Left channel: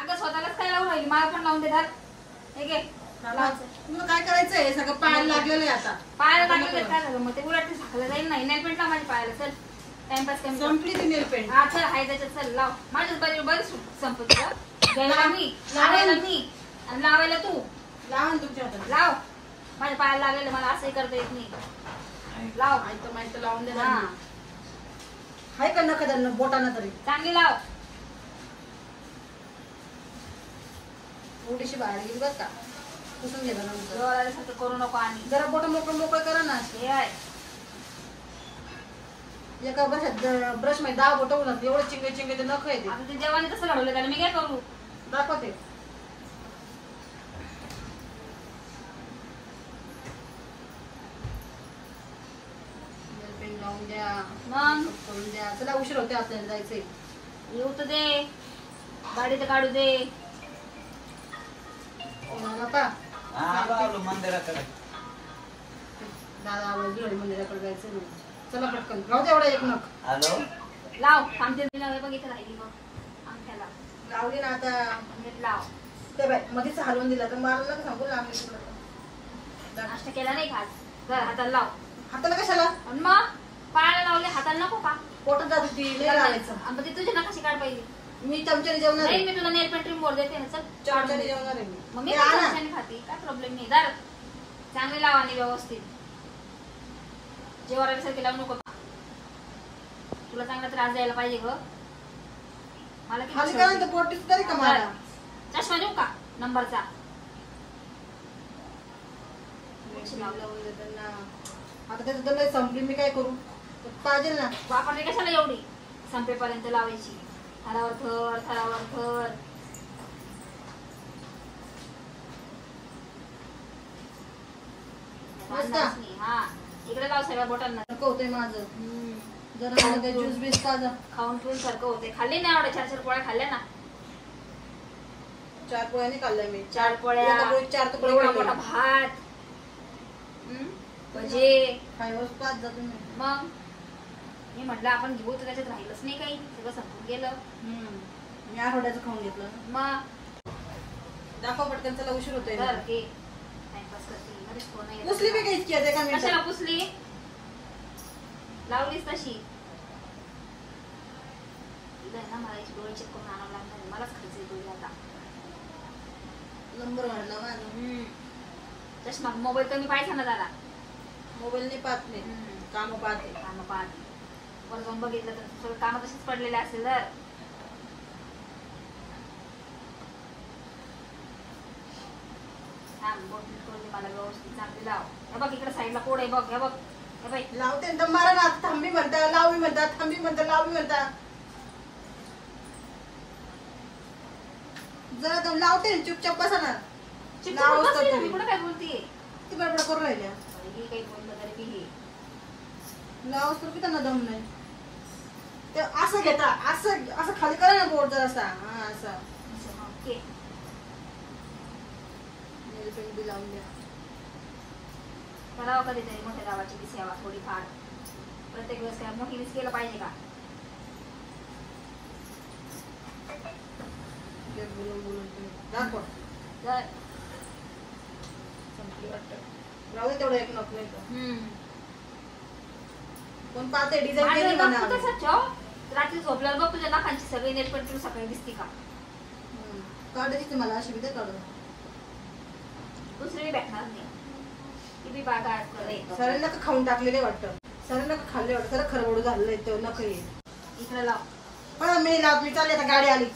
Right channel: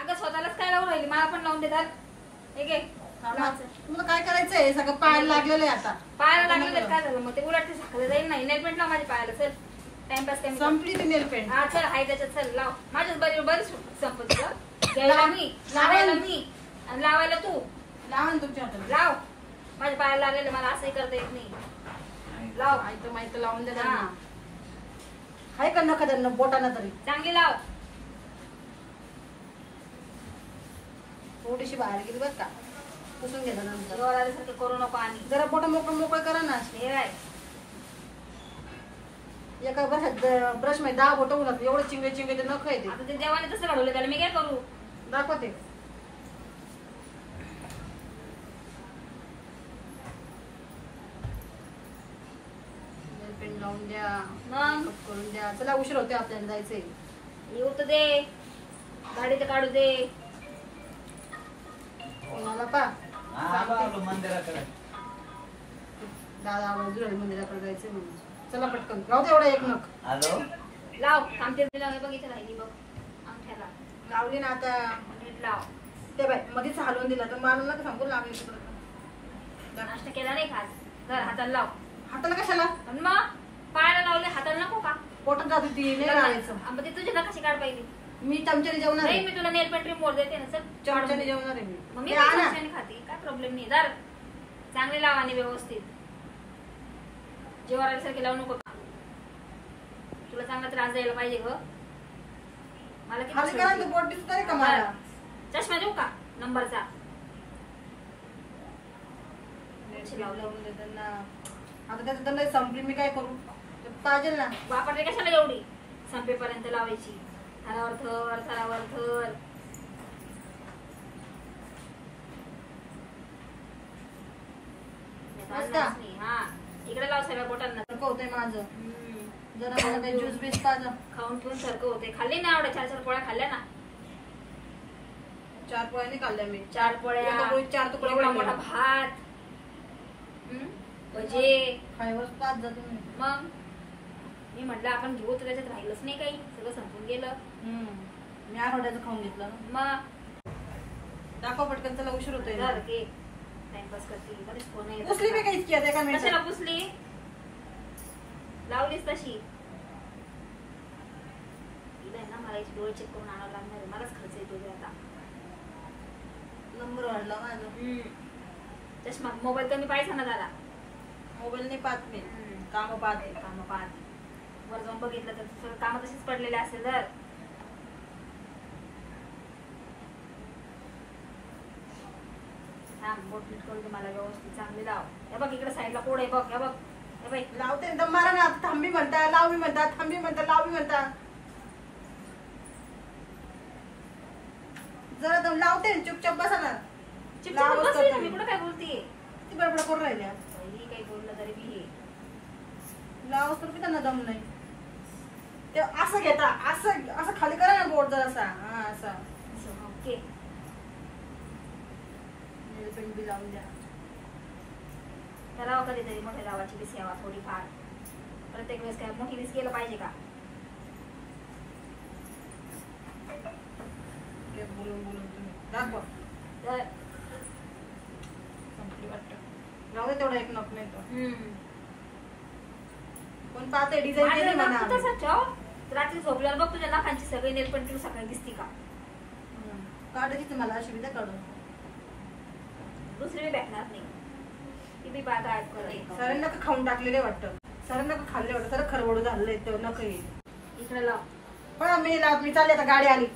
अगं स्वतःलाच काय लावून राहिली, मला पण लावून देतात. हे घे तुला काय करायचंय? सगळं पायाला लागलेलं आहे आता. पायाला लागलेलं काय झालं मग? ते उलट ते झाकलं जाईल नाही. नेल पेंट लाव माझ्या पायाला. चल टाइमपास कमी संपली ती नेल पेंट. हा चल हाय त्याच्यात. चल लाव. माझ्याच बरी संपत घ्यायला मी, लावायला मी आणि लावायला तू. लावा तुमच्या हातात. लाव. माझ्या पायाला लागलेलं मला असंही करता येत नाही. लाव. माहित लावून दे ना. हाय का नका त्यांना बोटाना तरी चांगली लाव. थोडीशी बाहेर गेली बस का पुसून घे नंतर. जोरासारखं करू नको आणि जरा बोट मोकळं करा ना. हे आहे एका ब्रश मध्ये 10 बोट होणार. एवढं चिंगे ते नख येते. आता ते जेवण तसं घडवलं त्याला मी काय करू? दाखवते. पेन लावून द्या, मग करून द्या. चला उशीर होते आपल्याला जायचंय. येऊ तर दे, गाडी तर काढू दे. बापा मंदिराकडे दादा मंदिराकडे जायचंय म्हणून. चला पटकन लावू दे एवढा एक नख. हॅलो लाव. थांबते बघितलं राहिली बघ आमच्याला लावली ना आता. लाव. ते बाय मध्येच हलवून दिला तर मला नका सांगू लागले तिकडं. नाश्ता केला नाही खास. जर हाताला लाव. हाताला कशाला? आणि मग पायाला लावले हाताला नको का? पोटात जात होती नाही लावायचं. मग ते तुझे नकाशे काढ पाहिजे. मी चमच्याने जेवणार नाही आहे. मी तुला नेल पेंट रिमोट देते ना. चल चमच्याने जेवणार आहे मग मी. मी चमच्याने खाते. काय प्रॉब्लेम नाही. दर चांगले लाव आणि व्यवस्थित. जेवायसारखे लावू नको. तुला चांगला त्रास द्यायला पाहिजे ग. मला खाली करा तर बोट दिसत तरी का मला? चष्मा देऊ का नंबरचा? लावून देते ना. आता त्याचं तर लय संपली. मी काय करू? पाहिजे ना. वापरले कशाला एवढी? संपेपर्यंत लावायची. थरावर थर थरावर थर. हा इकडे लाव सगळ्या बोटांना. सारखं होतंय माझं. जरा मला ते ज्यूस बीस ताजा खाऊन पिऊन सारखं होते. खाल्ली ना एवढ्या 4 पोळ्या खाल्ल्या ना. 4 पोळ्या नाही खाल्ल्या मी. 4 पोळ्या. एका पोळीत 4 तुकडे. एवढा मोठा भात. भजे खायवर पाच जातो मी. मग मी म्हटलं आपण घेऊ तर त्याच्यात राहिलंच नाही काही. सगळं संपून गेलं. मी आठवड्याचं खाऊन घेतलं. मग दाखव पटकन. चला उशीर होतोय. टाइमपास करते. पुसली मी काही इतकी का मी? कशाला पुसली? लावलीस तशी. ना मला डोळे चेक करून आणावं लागणार आहे. मलाच खर्च येतो आता. नंबर वाढला माझा. चष्मा मोबाईल कमी पाहिजे ना जरा. मोबाईल नाही पाहत मी. काम पाहते. काम पाहत. वर जाऊन बघितलं तर सगळं काम तसेच पडलेले असेल. तर बोट करून दे मला व्यवस्थित. चांगली लाव. हे बघ इकडे साईडला कोड आहे बघ. हे बघ हे बाई लावते तर मारा ना. थांबी म्हणता, लावी म्हणता, थांबी म्हणता, लावी म्हणता. जरा दम लावते. चुपचाप बसा ना. मी कुठं काय बोलतीये? ती बडबड करून राहिल्या. काही बोललं तरी मी हे लावस तर की त्यांना दम नाही. ते असं घेता. असं असं खाली करा ना बोट जरा असा. हा असं. ओके. नेल पेंट बी लावून द्या. करावं कधीतरी मोठ्या गावाची बी सेवा थोडीफार. प्रत्येक वेळेस काय मोठीच केलं पाहिजे का? बोलून बोलून दाखव. संपली वाटतं. लावू दे तेवढं एक नख नाही. कोण पाहते डिझाईन केली म्हणा. रात्री झोपल्यावर बघ तुझ्या नाकांची सगळी नेल पेंट तुला सकाळी दिसते का? काढायची मला अशी विद्या काढून. दुसरी भेटणार नाही. ती बी बागा सरांना का खाऊन टाकलेले वाटतं. सरांना का खाल्ले वाटतं. खरं खरवडू झालेलं आहे ते नख. इकडे लाव. पण मी चालले आता. गाडी आली.